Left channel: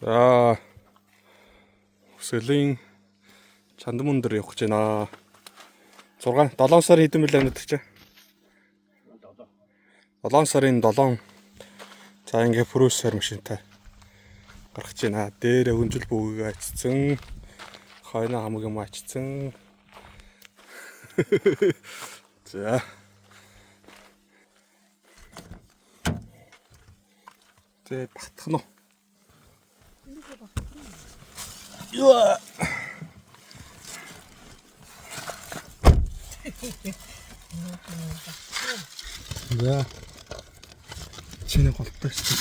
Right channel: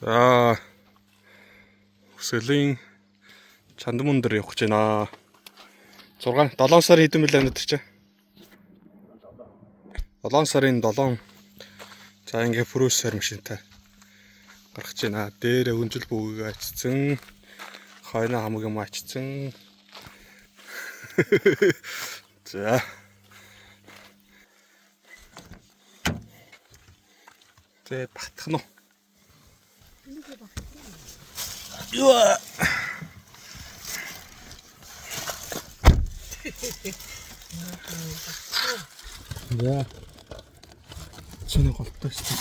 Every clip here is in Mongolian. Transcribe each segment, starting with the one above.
За Хүсэлийн Чандмун дээр явах гэж байна. 7 сарын хэдэн мөлий өнөдр чи? 7 сарын 7. За ингээ 프로сер машинтай гарах гэж байна. Дээр өнжил бүгийг ачсан. Хойно хамаг юм ачсан. За. Тэ батах нь. Яа. Да. Чиний голтой шүү.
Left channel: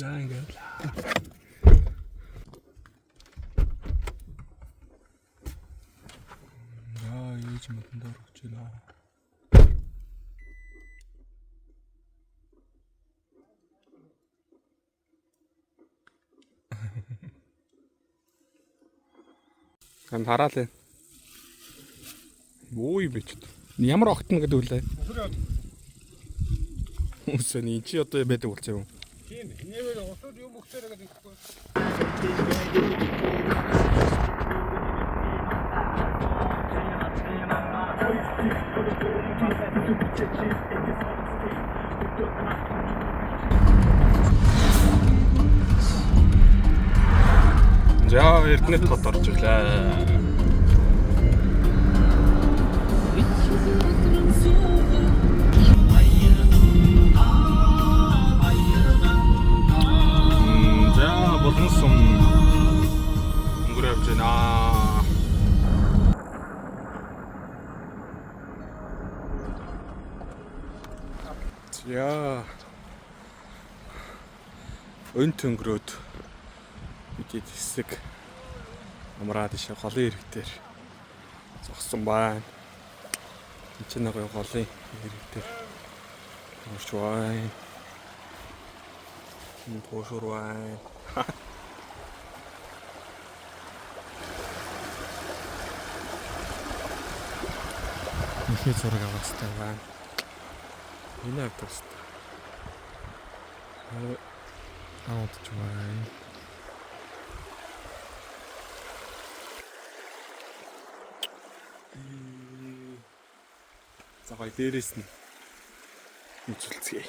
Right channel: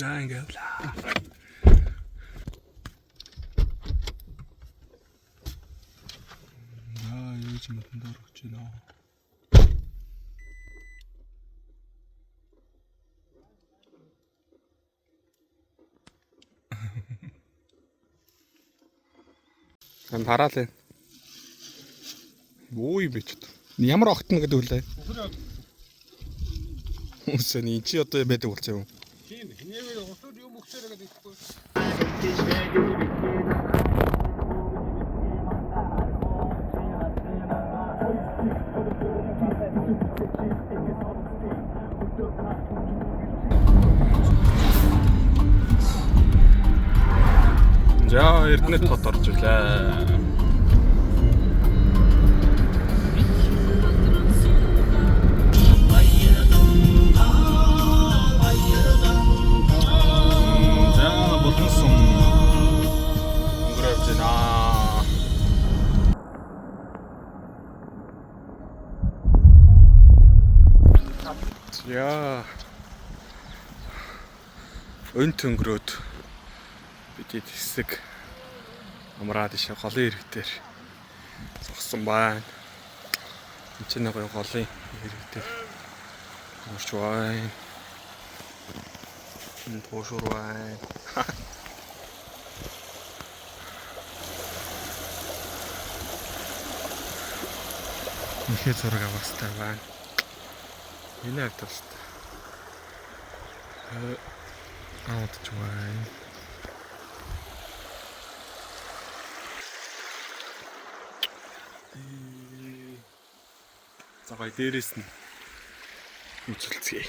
За ингээд л. Ээж мөдөнд орж байна. Ам хараалаа. Юу юм бэ ч. Ямар огтно гэдэг үлээ. Үсэн ин чи одоо байдаг болсон юм. Тийм. Нээр усууд юм өгсөөр гэдэг юм. За Эрдэнэт хот орж ирлээ. За болон сум өнгөрөөж байна. Яа. Өнт өнгөрөөд бидэд хэсэг амраад ишээ голын ирэг дээр зогсон байна. Энд чинь гоё голын ирэг дээр орж байна. Энэ туушур байна. Ихэ зураг авахстай байна. Энэ автобустай. Аудч байна. За гай дээрээс нь үзүүлцгээе.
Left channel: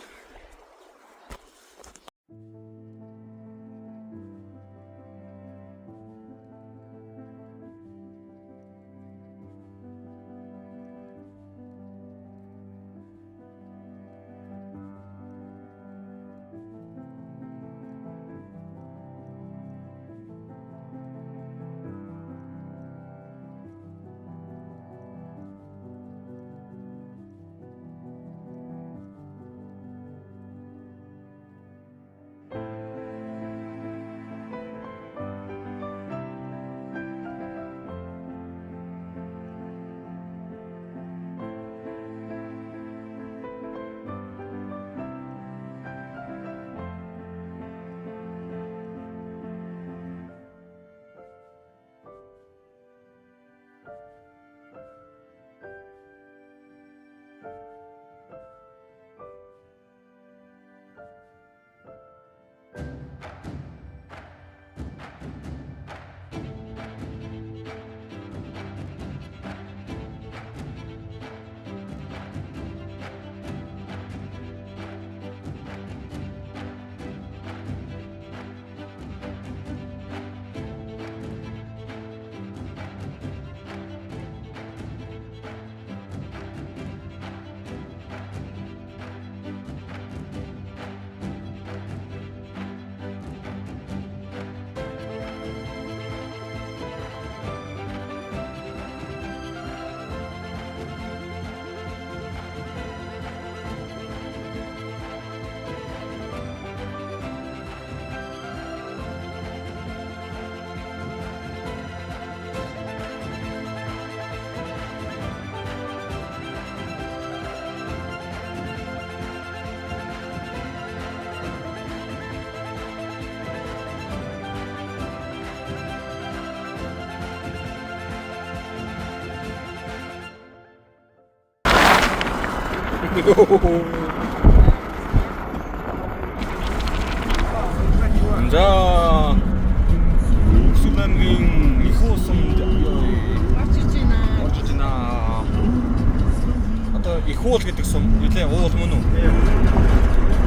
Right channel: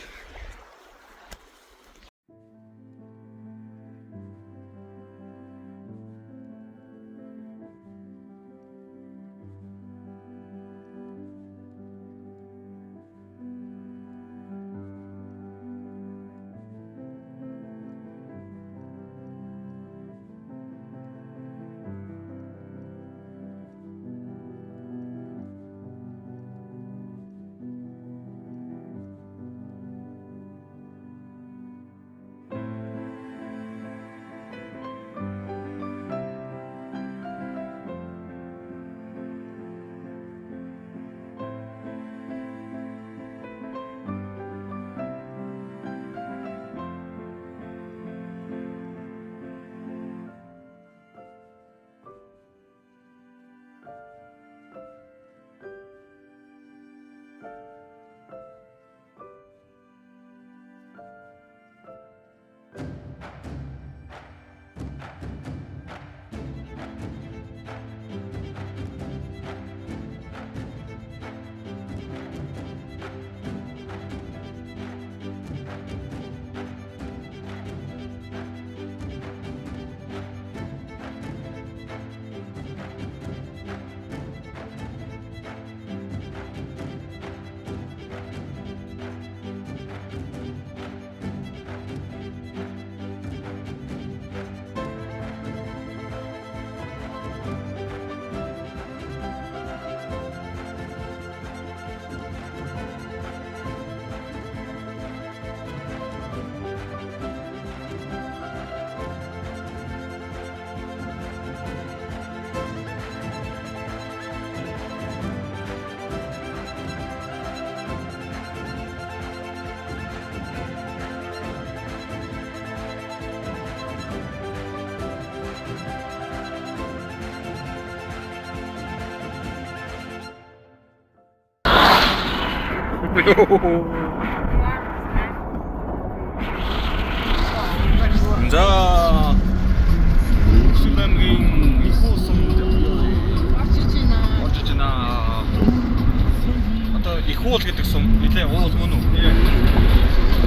Cool гэдэг сум нэлээ уул мөн үү?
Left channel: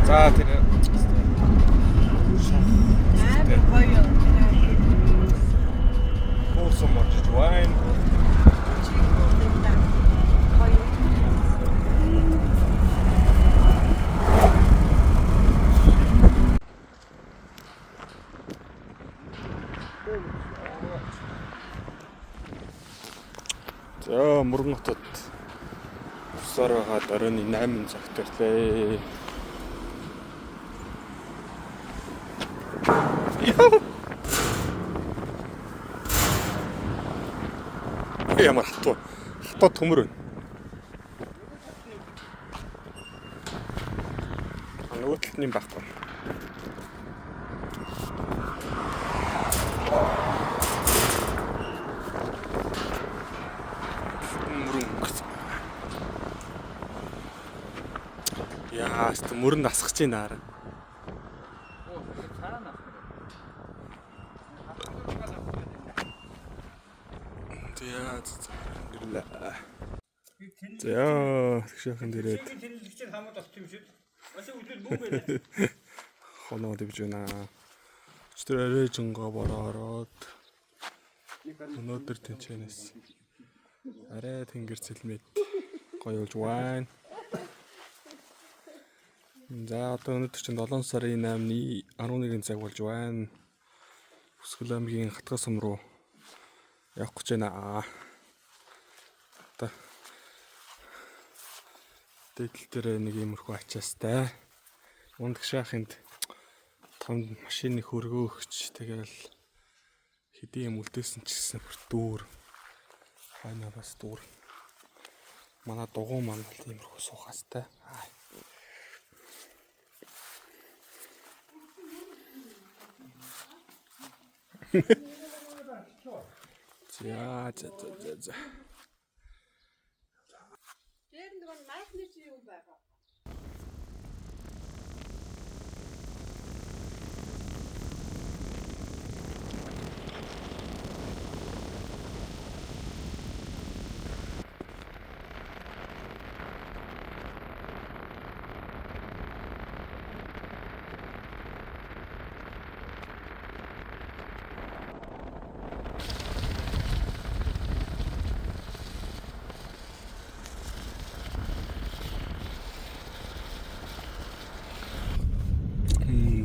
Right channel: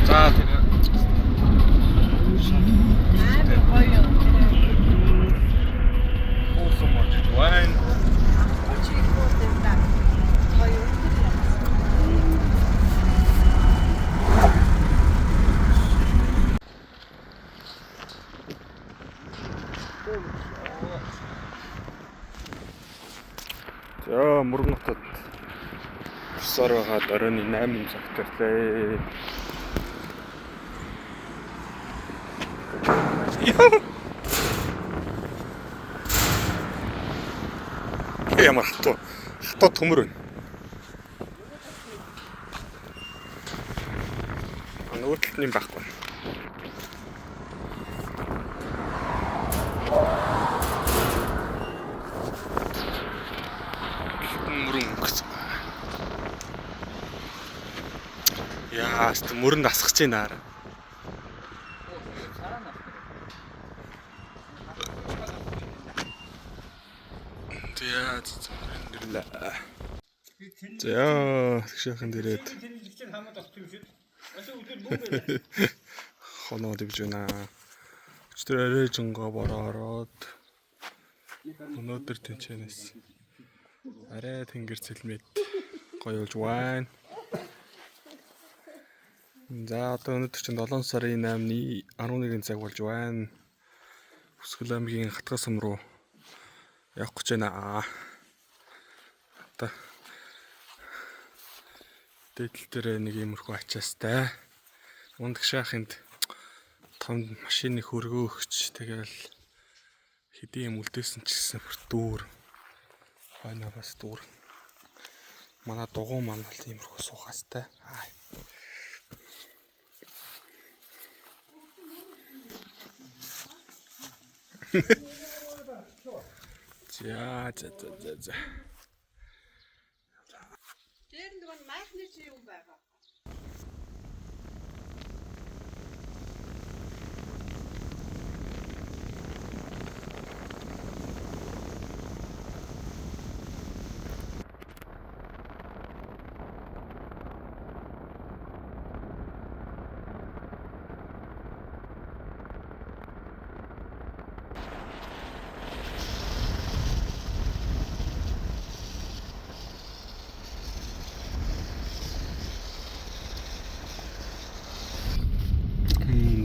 За тэр Cool сум орж байна. За Мөргөн хотод бусаар байгаа оройн 8 цагт ирлээ. Ямар хатуу төмөр байна. Нөгөө талд нь байхгүй. Яа, мөрөнд асгаж байна аа. Яа, нэрлээ. За, тэгшээхэн дээрээд. Хоноо дэвж байна. Өчтөр арай жонго бороод. Өнөөдөр тэнчэнэс. Арай тэнгэр цэлмэд гоё болж байна. За одоо өнөөдөр чинь 7 сарын 8-ны 11 цаг болж байна. Өсгөл аймгийн Хатгал сум руу явах гэж байна. Одоо дэдэл дээр нэг иймэрхүү ачаастай. Ундах шахынд том машины хөргөөгч тэгэл хэдийн юм үлдээсэн ч гэсэн дүүр. Байна бас дүүр. Манай дугуй маань бол иймэрхүү суухастай. За. Тэр нэг майхны чи юм байгаа.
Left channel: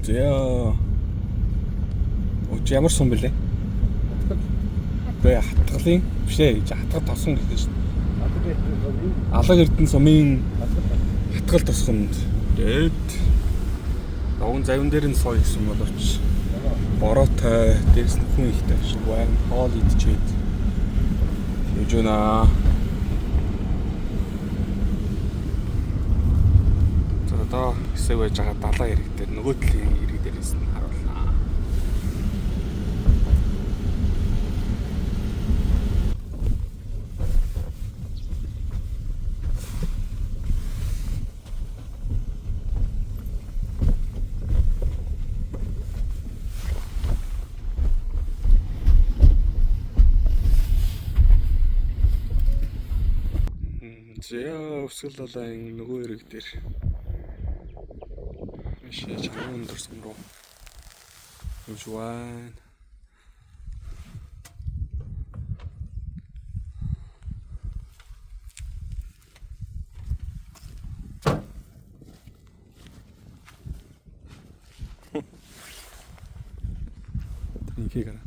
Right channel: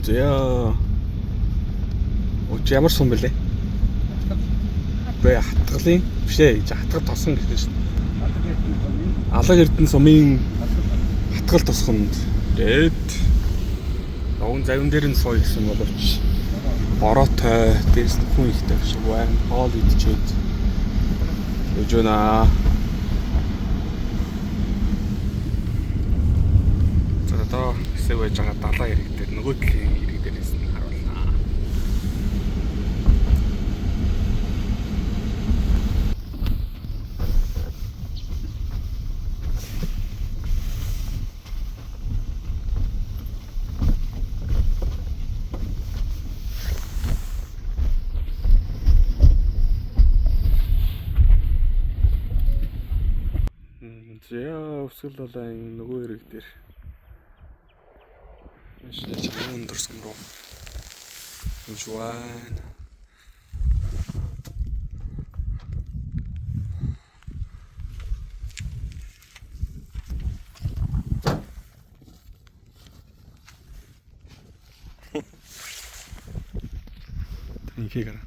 За. Ямар сум бэлээ? Хатгал. Хатгалын биш ээ. Хатгал тосон гэдэг шин. Алаг эрдэнэ сумын Хатгал тосгонд дээд ногоон завин дээр нь сууя гэсэн боловч бороотой дээрс нь хүн ихтэй шиг байна. Хоол идчихэд явж байна. За одоо хэсэг байж байгаа далаа хэрэг дээр нөгөө талын хэрэг дээрээс нь харуулнаа. За өсгөл далайн нөгөө хэрэг дээр Шээ өндөр сум руу явж байна. Тэнхийгэр.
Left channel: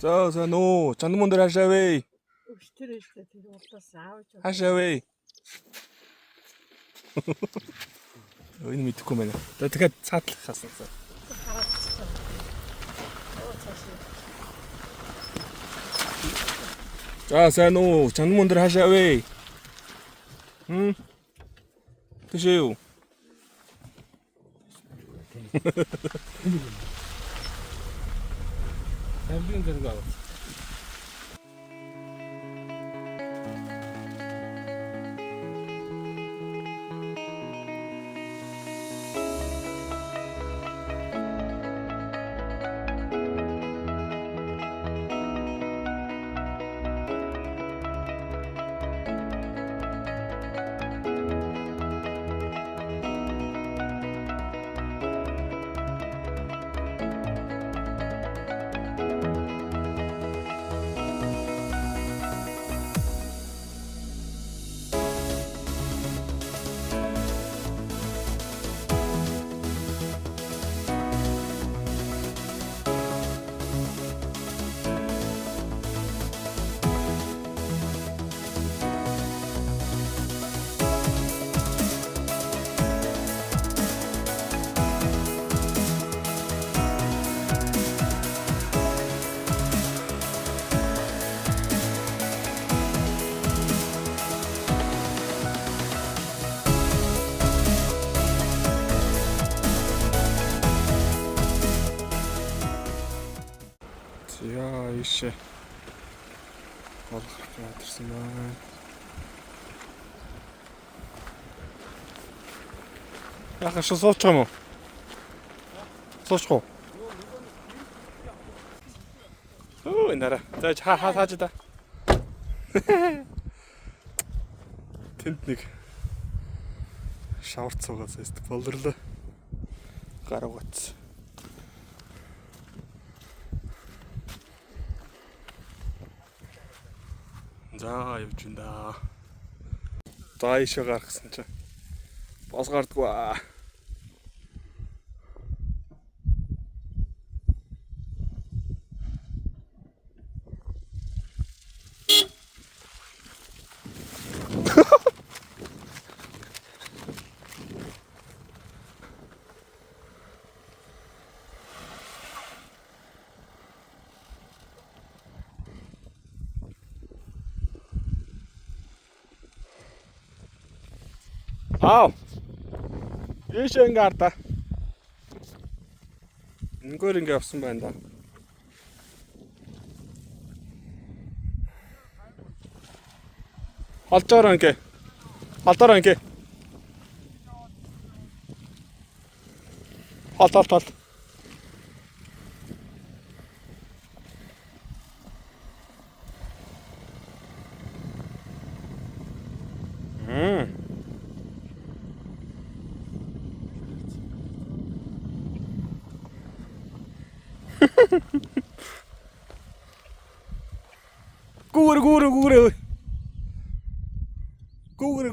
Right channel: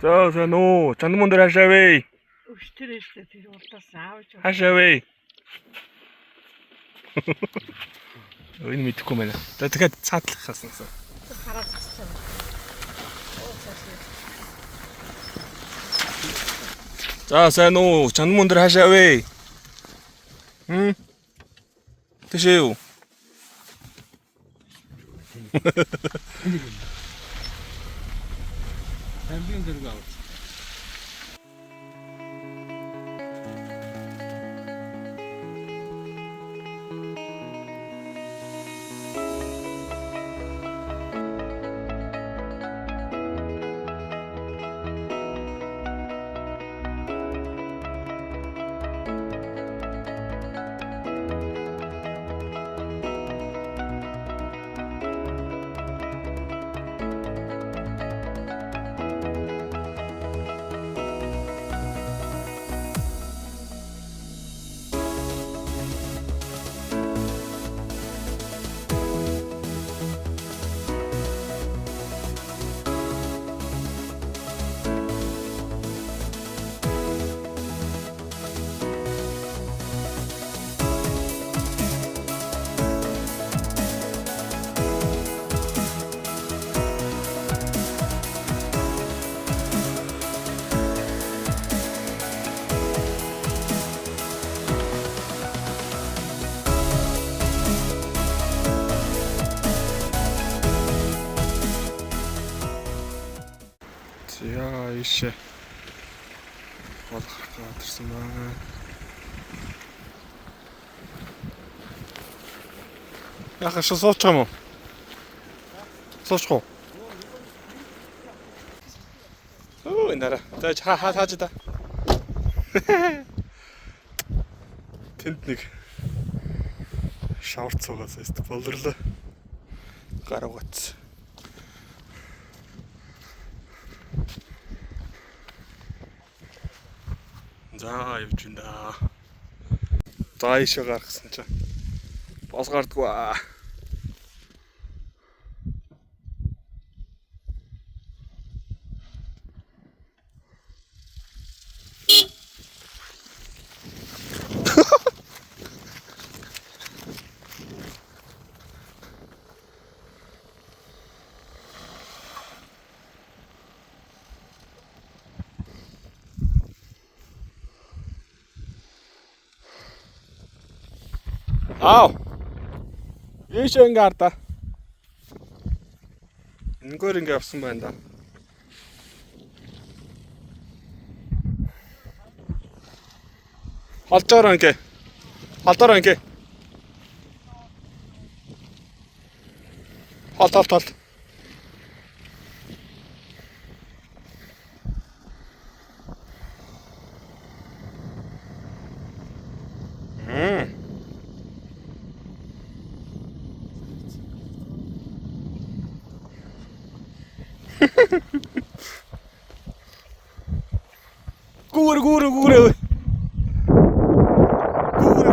За сайн уу. Чанмун дээр хашаавэ. Өчтөр эшлээ тэр урдаас аавж. Хашаавэ. Энэ мэдэхгүй байна. Тэгэхээр цаатлах хасан. Хараад цаа. За сайн уу. Чанмун дээр хашаавэ. Тэшээ юу? Амбин дэрэг авах. Яа ишээ. Гол гарсан байна. Яхаа суучих юм уу? Суучих уу? Оо нара. За хааж да. Тэнд нэг шавар цугаас өст болрлоо. Гаруугац. За явж байна. За ишээ гаргасан чинь бос гардгүй аа. Аав. Ишээ ингээ арда. Ингөр ингээ авсан байна да. Холдоор ингээ. Холдоор ингээ. Хол. Гүүр.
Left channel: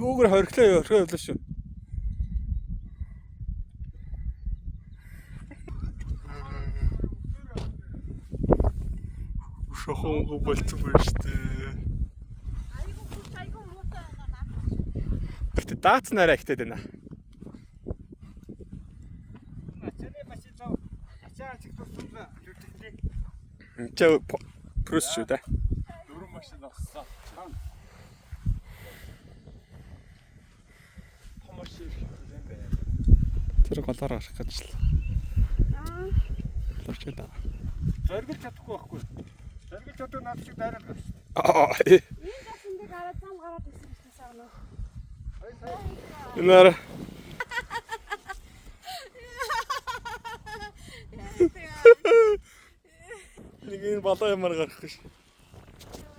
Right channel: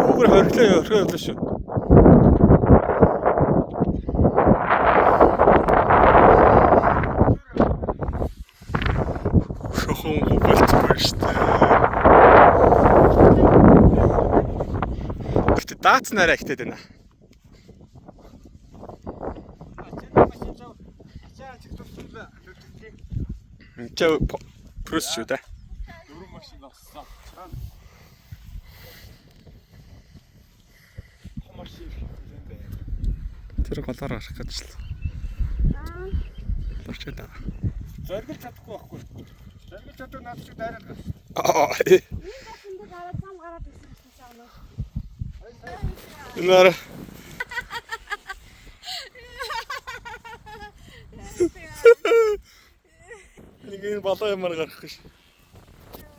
Гүүр хориглоо шүү. Шохон болчихгүй шүү дээ. Гэтэ даацнараа ихтэй байна. Чаа прус шүү дээ. Дөрөв машин авсан. Тэр голоор гарах гэж л. Лорчоо. Заргилж чадахгүй байхгүй. Заргилж чаддаг наад шиг дайраад байна. Энэ баснд гараад зам гараад ирсэн гэсэн. Нара. Нэг энэ болоо юмар гарах гэж.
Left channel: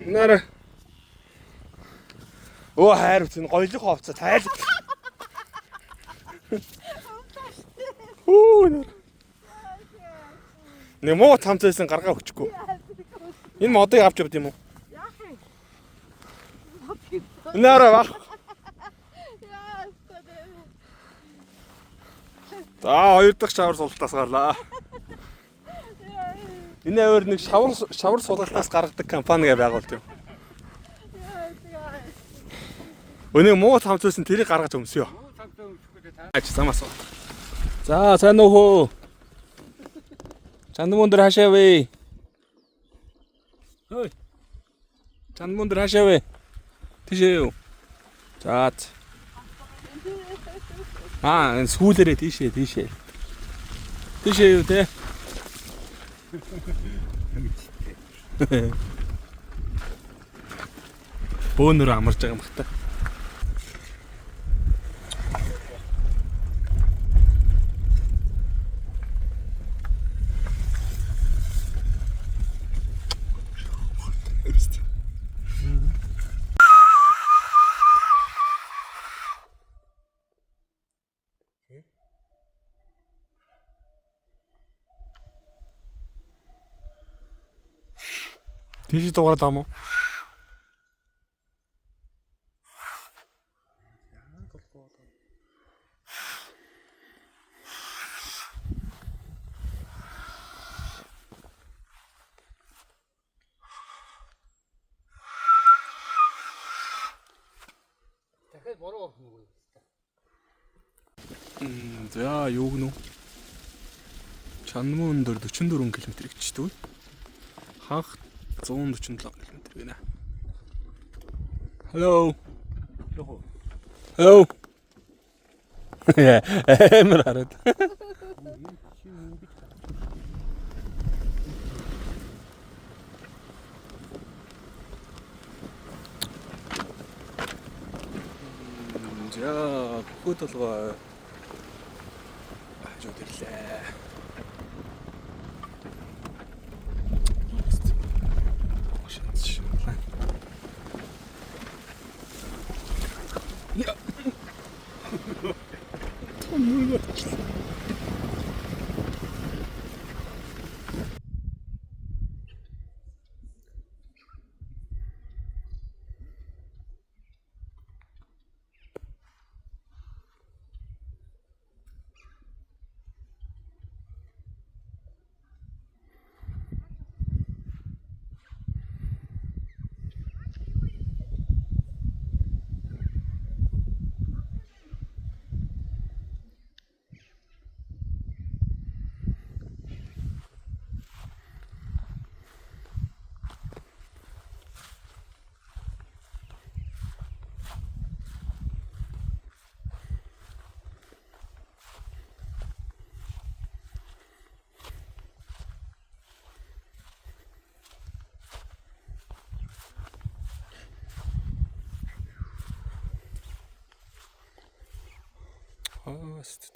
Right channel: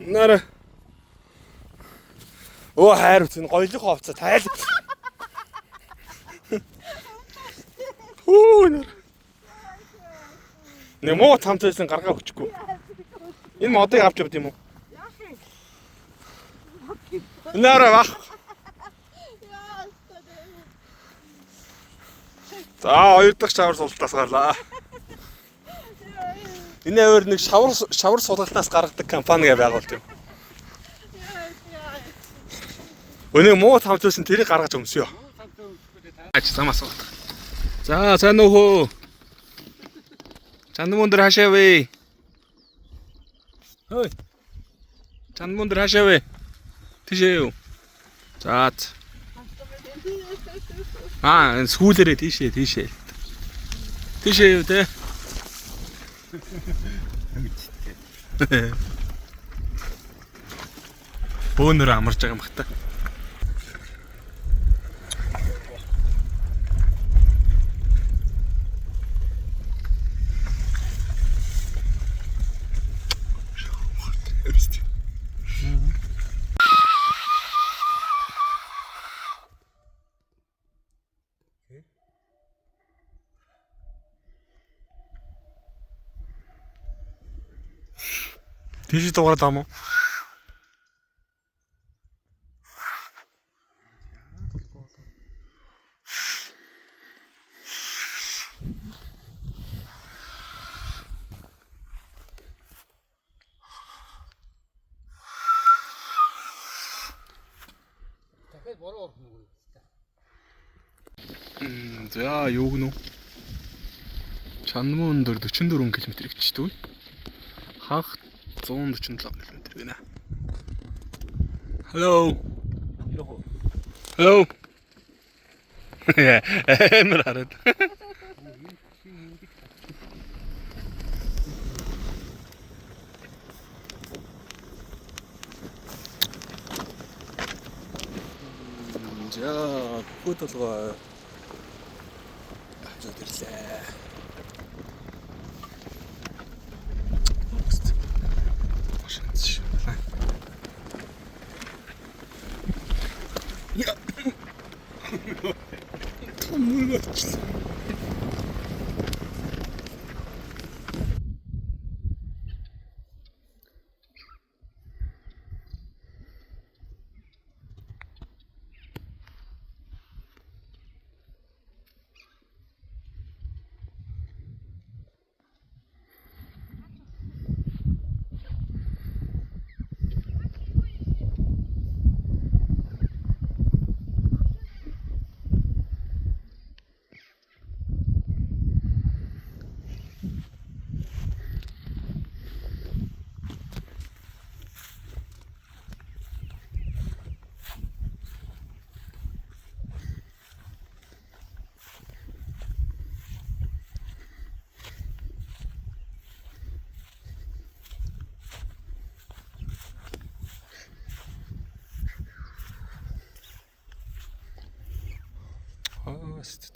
Нара. Оо хайр үтэн гоёлох ховцоо тайл. Нара. Нэмоо тамцайсан гаргаа өгчихгүй. Энэ модыг авч явд юм уу? Яах вэ? Нара бах. За хоёр дахь шавар суултаас гарлаа. Энэ авир нэг шавар сулгалтаас гаргадаг компани байгуулт юм. Өнөө муу тавцсан тэрийг гаргаж өмсөё. Аач замаас. За сайн уу. Чанмундар хашаа вэ? Хөөе. Чанмундар хашаа вэ? Тийшээ юу? За. Сүүлээрээ тийшээ. Тийшээ юу те? Бөөнөр амарч байгаа юм бахта. Тийш дуурайд ам уу? Дахиад бороо орох нь. За юу гэнэ? Чанмундар 44 км гэжтэй. Ханх 147 км гэнэ. Hello. Hello. Эмэр хараад. За, хөтөлгөө. Хажууд ирлээ. Я.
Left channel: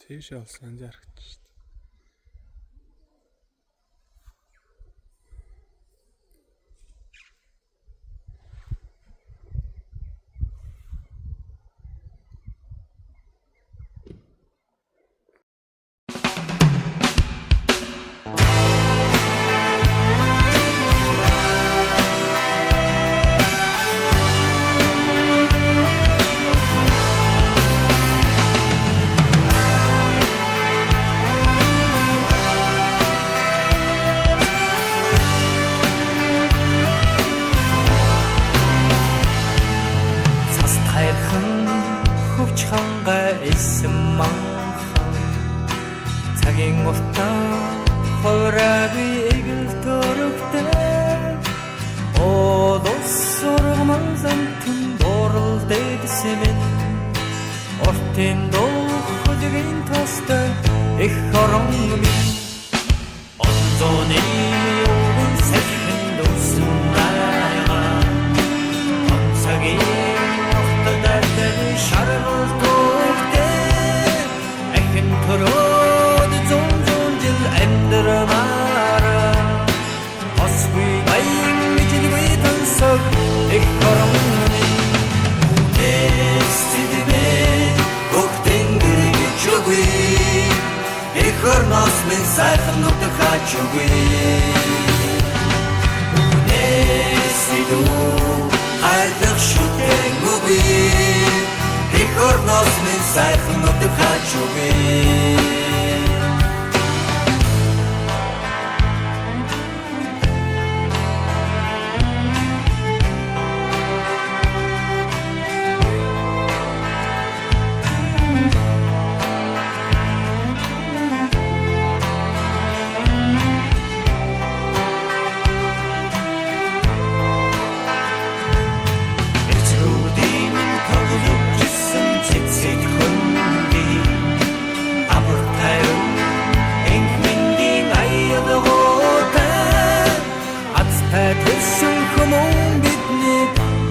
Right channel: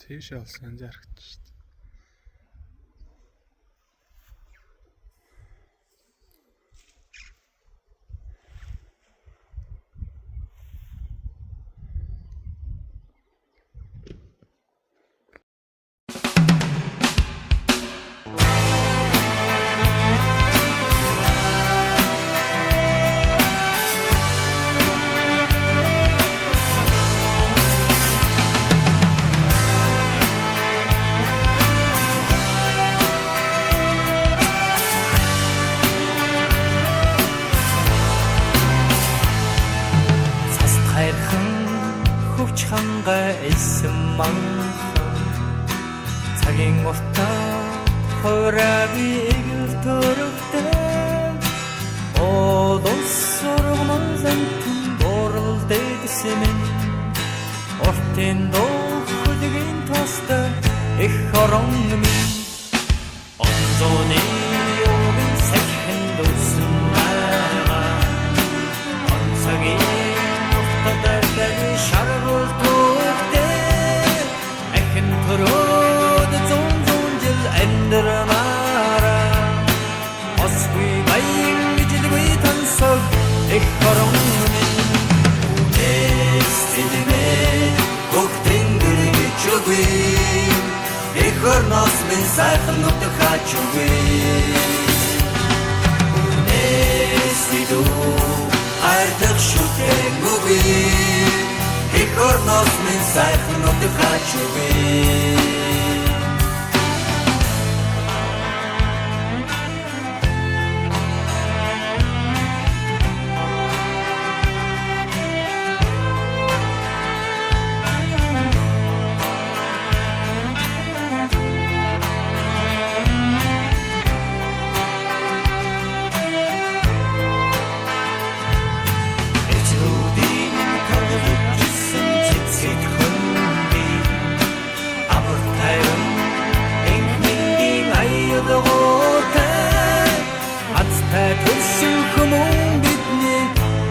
Тийш алсан зарагч шүү дээ. Цагийн уртаа хойраагүй эгэл төрөгтэй Одос сургамал зантун борол дэдсэмэн Ортын дохудгийн тостой их хорон минь Онзоны овын сайхан дүүсэн байгаа Онцагийн уртаа дайдаг шаргал төгтэй Ахин төрөөд зүүн жил амьдрамаараа Осгүй баян мижилгүй тансаг их хорон минь Үнэс тэдмээ гогтэн гэргэж өггүй Их орноос минь сайхан нутаг хаач өггүй Үнэс тэдүү хайрлах шүтэн өггүй Их орноос минь сайхан нутаг хаач өггүй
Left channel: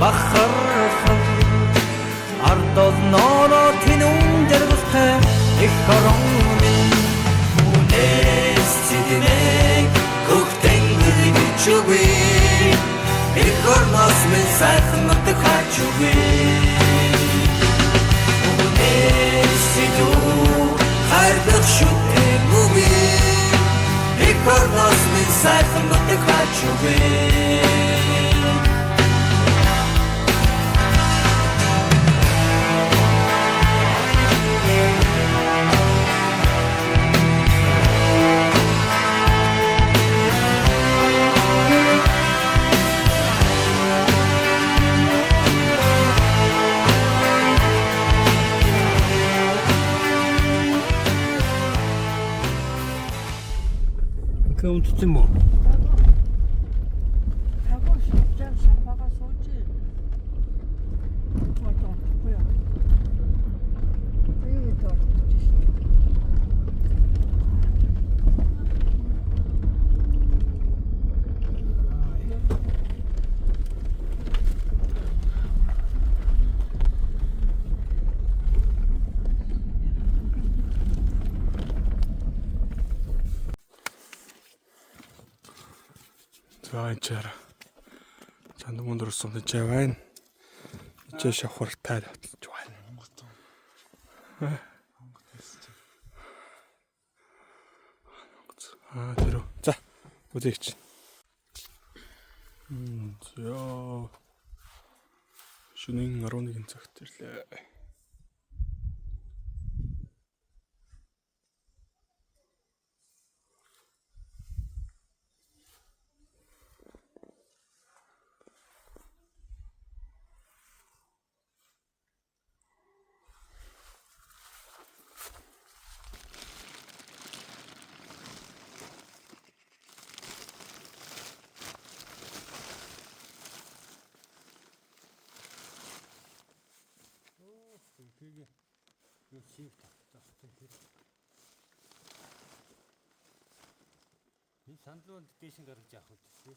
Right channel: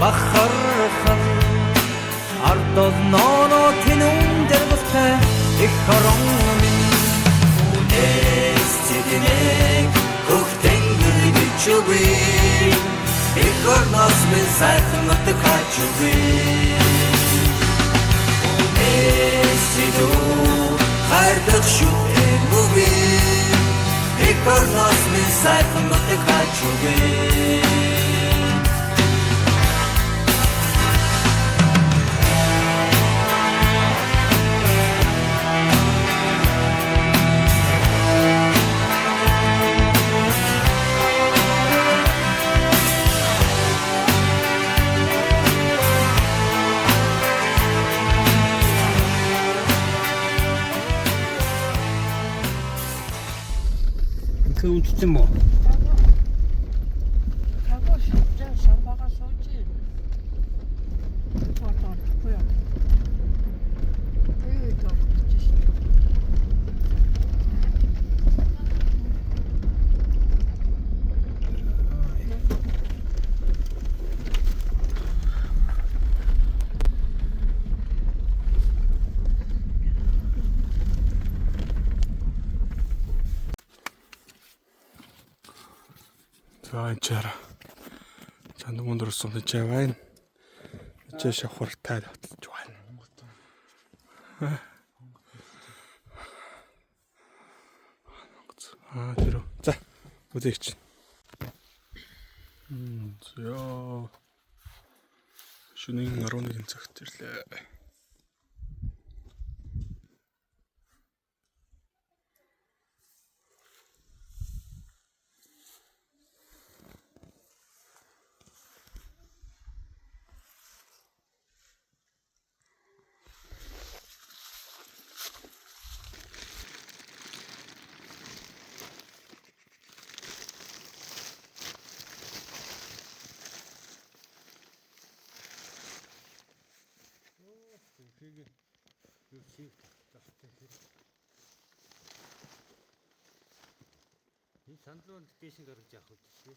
бахархан ардол ноно тинун дэргэлтэй их хорон минь үнэс цэдинэг хөхтэнгэр бичүгүй их орноос минь сайхан нутаг хачугүй үнэс цэдүү хайрдах шүтэн үгүй их орноос минь сайхан нутаг хачугүй 그 움직임 뭐? 하고 싶지 샴바가 쏘지. 더 뭐야? 여기 더 그치. За энэ чанд мөндөр сум чай байна. Чай шавхартай татж байна. Тэр. За үзээч. За. Шөнийн 11 цагт ирлээ. 이 산도는 대신 가르지 않고